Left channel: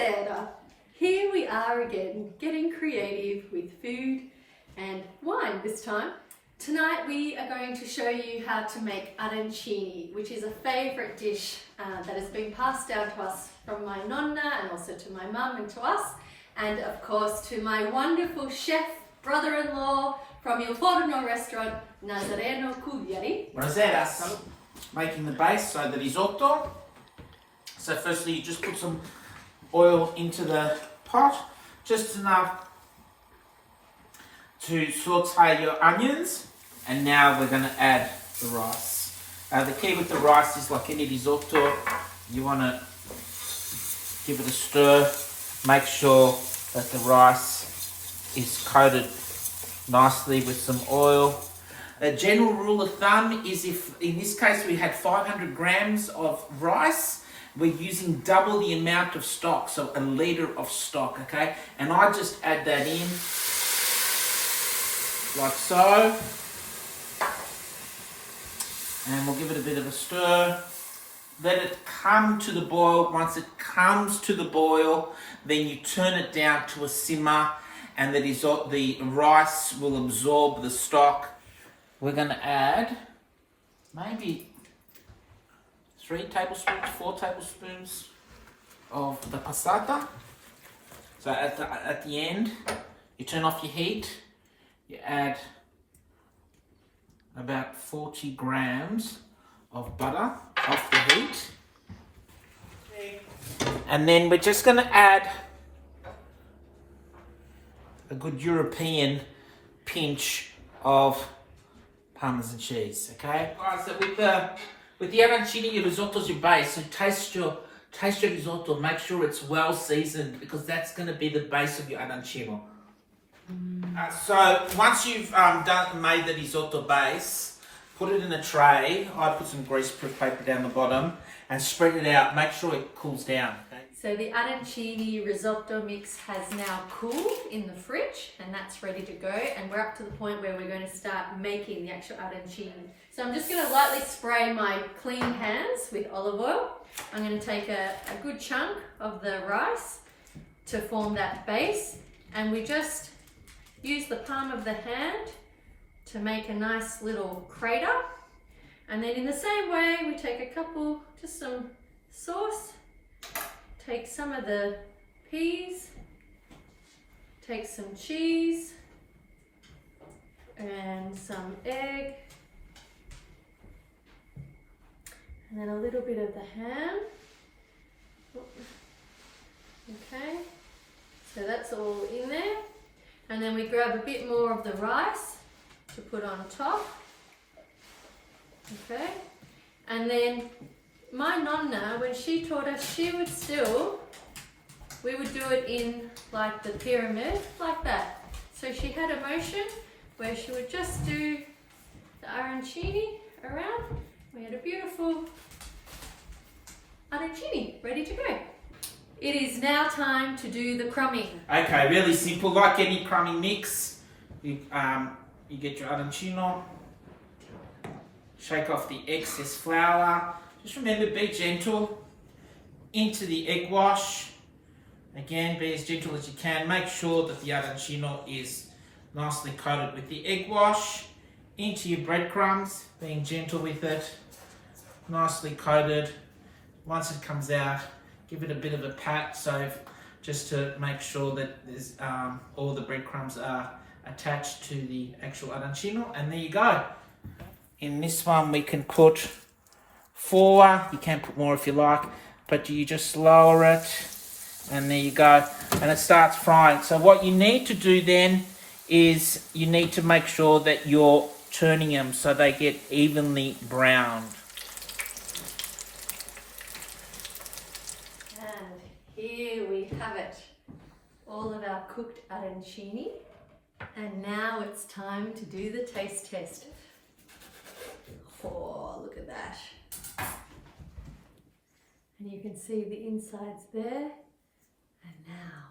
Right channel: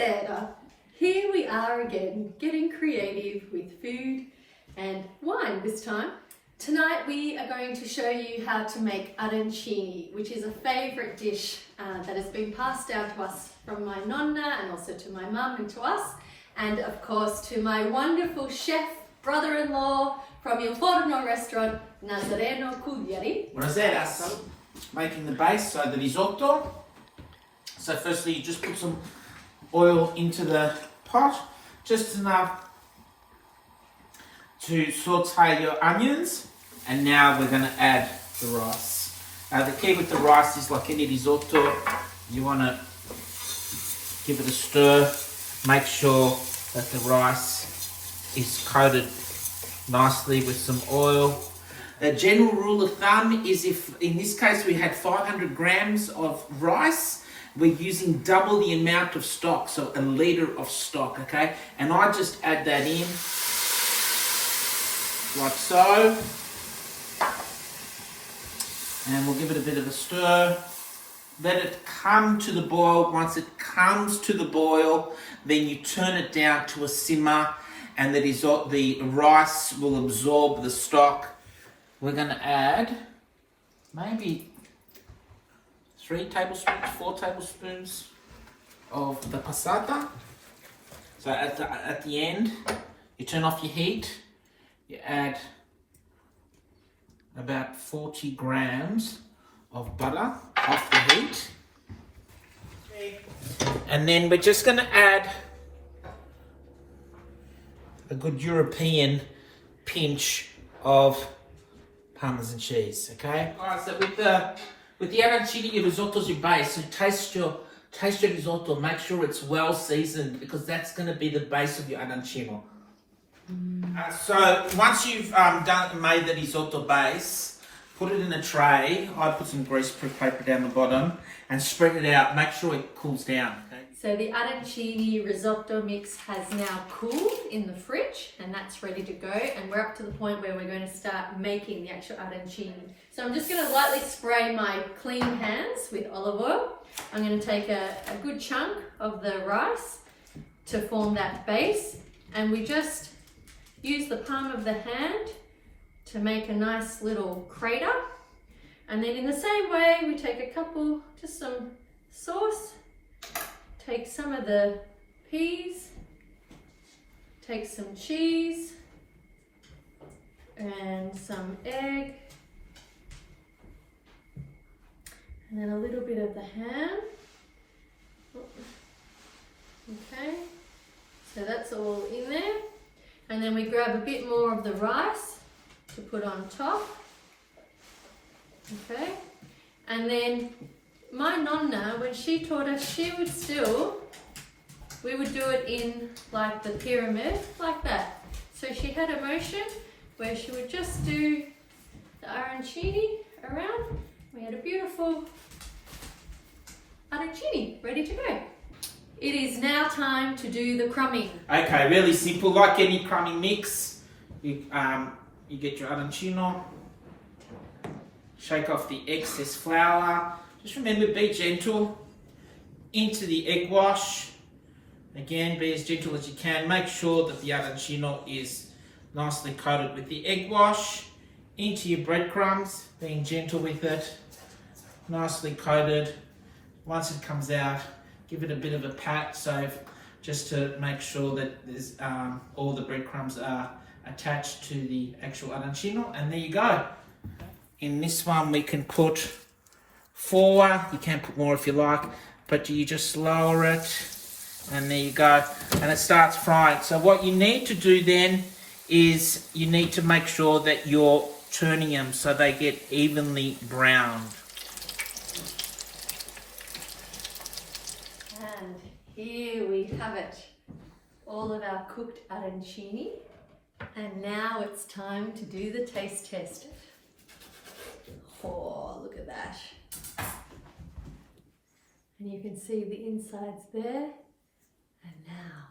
Buonasera! Here we are again, getting creative with food and wine this time. Tonight we are going to show you how to make arancini, which is a favourite dish that has been passed down to us from my nonna and also to my mum and to us, and of course to my wonderful chef brother-in-law from Il Forno Restaurant, Naz Cugliari. Buonasera, so making the base, so the risotto. So firstly you just put some oil into the pot, just enough to saute your onions, and now we're going to add the rice. The key with the rice is, like any risotto, you want to give it a stir, make sure that the rice is coated nicely with some oil. A general rule of thumb is, if in this case we had 500 grams of rice, we're using double the amount of stock, so a litre of stock, okay? And I just add that in, like so. And we'll give it a bit of a stir. Let it come to the boil. Once it comes to the boil, then you turn it down to a simmer, and the rice will absorb the stock. We're going to add maybe 3 tablespoons, 4 tablespoons of the passata. So at the end, you turn off your heat, you add about 40 grams of butter off the heat. And then we're just going to add a good European pinch of Parmesan cheese, okay? Alright, so with the arancini, your risotto's your base, so taste your risotto, make sure it's well seasoned, because that's going to be the base of your arancino. So once you've made the risotto base, put it in a tray. I put some greaseproof paper down the bottom and spread it out. Make sure it cools down. Okay? So the arancini risotto mix has now cooled in the fridge, and that's ready to go, and we're up to the point where we're going to start making the actual arancini. So I'm just going to lightly spray my clean hands with olive oil. I'm going to take a good chunk of the rice to form that base, and we just use the palm of the hand to make a nice little crater. And then in the same way, we take just some sauce, take some of the peas, take some cheese and some egg, and then a little bit of the ham. Okay, so that's all in there. And then we grab a bit more of the rice to put on top. Okay, and then my nonna, when she taught us, we would do it in like the pyramid, like that. So she had a motion where she would just do the arancini around. We had a beautiful arancini ready to go. It is now time to do the crumbing. Okay, really simple, like any crumbing mix. You get your arancino, shake off the excess flour. Just remember, be gentle into the egg wash. Again, be as gentle as you can. Make sure that the arancino is nicely coated with the egg wash. Into your breadcrumbs, being gentle with it, nicely coated. Once it comes out, give it a bit of a pat, just to make sure that there's, all the breadcrumbs are attached to the actual arancino, and there you go. In this one we can put 4, you can put more if you like, but you just lower it, and there you go, and it starts frying. So what you need to do then is you need to make sure that you're turning them so they get evenly browned. And here we have it, all of our cooked arancini. And now it's time to do the taste test. Oh, look at that. And you can see the insides there. And now.